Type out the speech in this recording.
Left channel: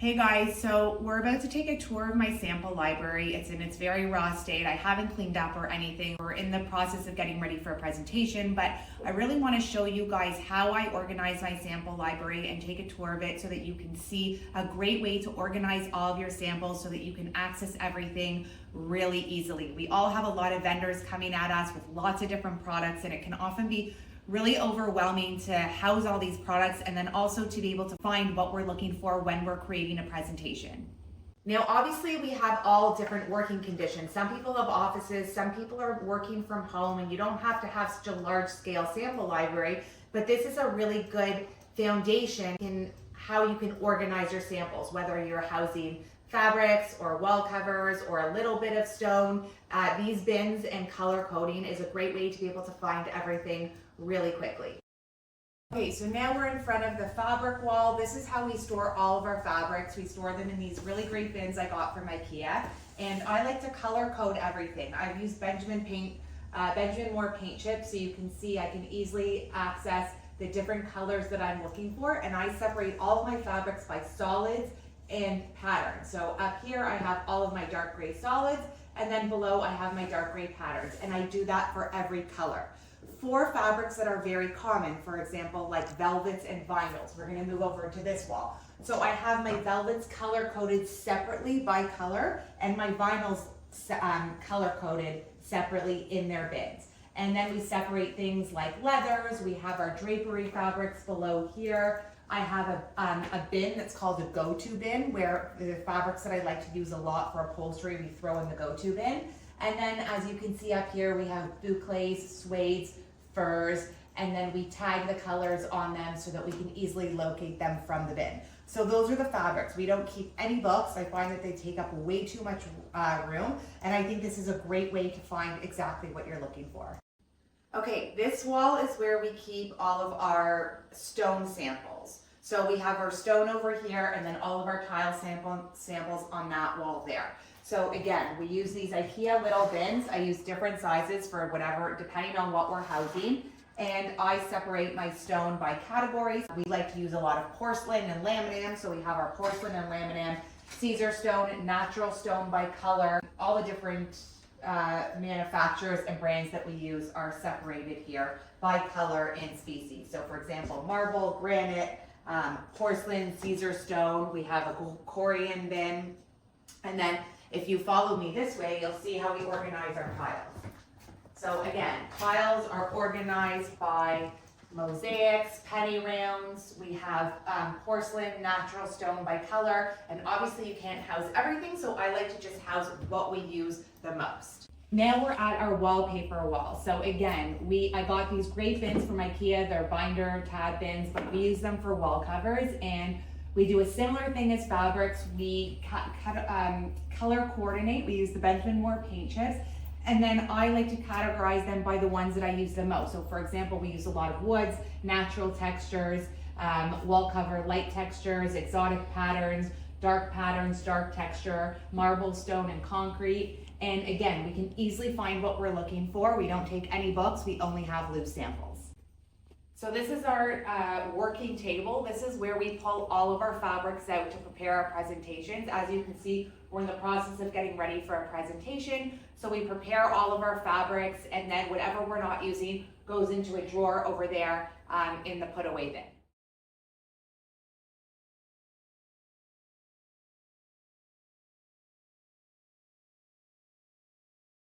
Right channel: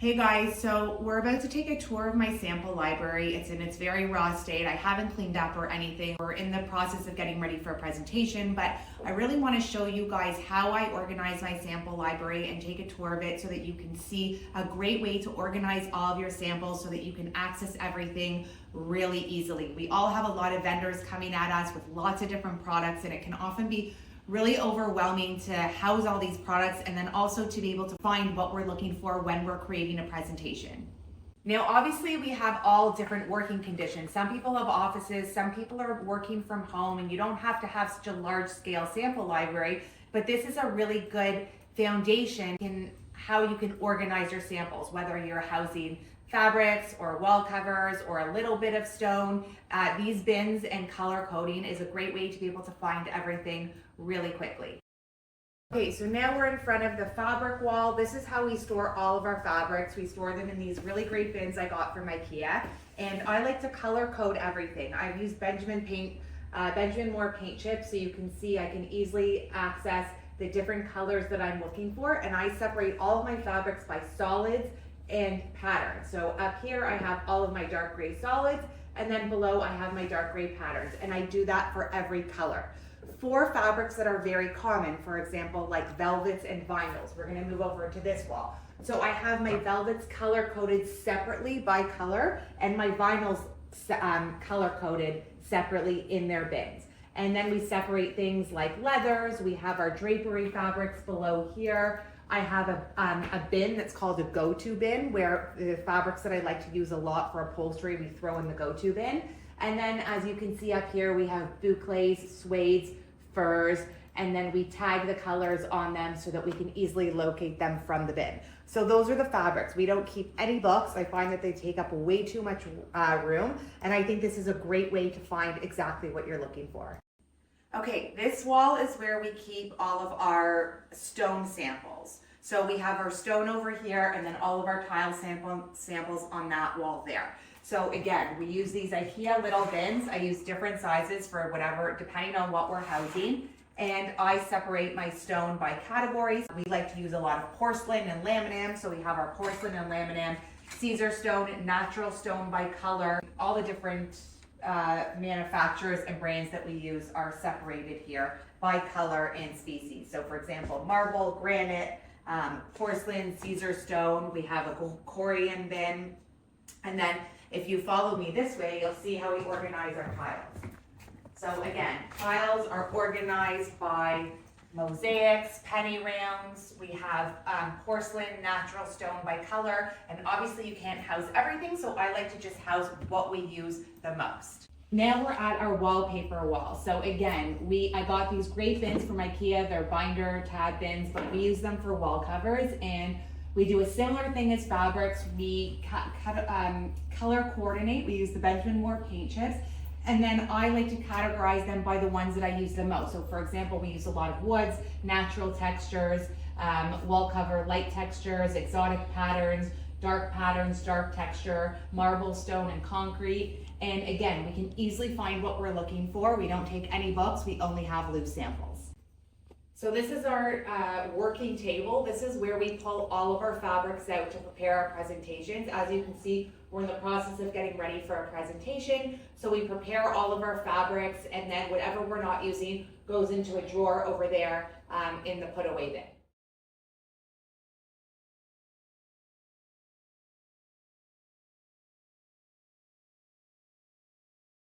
Hey guys, so we're about to take a tour of my sample library. It's in its very raw state. I haven't cleaned up or anything. We're in the process of getting ready for a presentation, but I really want to show you guys how I organize my sample library and take a tour of it so that you can see a great way to organize all of your samples so that you can access everything really easily. We all have a lot of vendors coming at us with lots of different products, and it can often be really overwhelming to house all these products and then also to be able to find what we're looking for when we're creating a presentation. Now, obviously we have all different working conditions. Some people have offices, some people are working from home, and you don't have to have such a large scale sample library, but this is a really good foundation in how you can organize your samples, whether you're housing fabrics or wall covers or a little bit of stone. These bins and color coding is a great way to be able to find everything really quickly. Okay, so now we're in front of the fabric wall. This is how we store all of our fabrics. We store them in these really great bins I got from IKEA, and I like to color code everything. I've used Benjamin Moore paint chips, so you can see I can easily access the different colors that I'm looking for, and I separate all of my fabrics by solids and patterns. So up here I have all of my dark gray solids, and then below I have my dark gray patterns, and I do that for every color. For fabrics that are very common, for example, like velvets and vinyls, we're going to move over to this wall. So I have my velvets color coded separately by color, and my vinyls color coded separately in their bins. And then we separate things like leathers. We have our drapery fabrics below here. I have a bin that's called a go-to bin, where the fabrics that I like to use a lot for upholstery, we throw in the go-to bin. And then as you can see up here, we have boucles, suedes, furs, and then we tag the colors on them so that we can easily locate them from the bin. So those are the fabrics. We don't keep any books. I find that they take up way too much room, and I think this is a great way to find exactly what you're looking for. Okay, this wall is where we keep all of our stone samples. So we have our stone over here, and then all of our tile samples on that wall there. So again, we use these IKEA little bins. I use different sizes for whatever, depending on what we're housing. And I separate my stone by categories. We like to use a lot of porcelain and laminam. So we have our porcelain and laminam, Caesar stone, natural stone by color. All the different manufacturers and brands that we use are separated here by color and species. So for example, marble, granite, porcelain, Caesar stone. We have a Corian bin. And then if you follow me this way, you'll see how we organize our tiles. So again, tiles are organized by mosaics, penny rounds. We have porcelain, natural stone by color, and obviously you can't house everything, so I like to just house what we use the most. Now we're at our wallpaper wall. So again, I got these great bins from IKEA. They're binder tab bins, but we use them for wall covers, and we do a similar thing as fabrics. We color coordinate. We use the Benjamin Moore paint chips, and then I like to categorize them by the ones that I use the most. So for example, we use a lot of woods, natural textures, wall cover, light textures, exotic patterns, dark texture, marble, stone, and concrete. And again, we can easily find what we're looking for. We don't take any books, we only have loose samples. So this is our working table. This is where we pull all of our fabrics out to prepare our presentations. As you can see, we're in the process of getting ready for a presentation. So we prepare all of our fabrics, and then whatever we're not using goes into a drawer over there in the put away bin.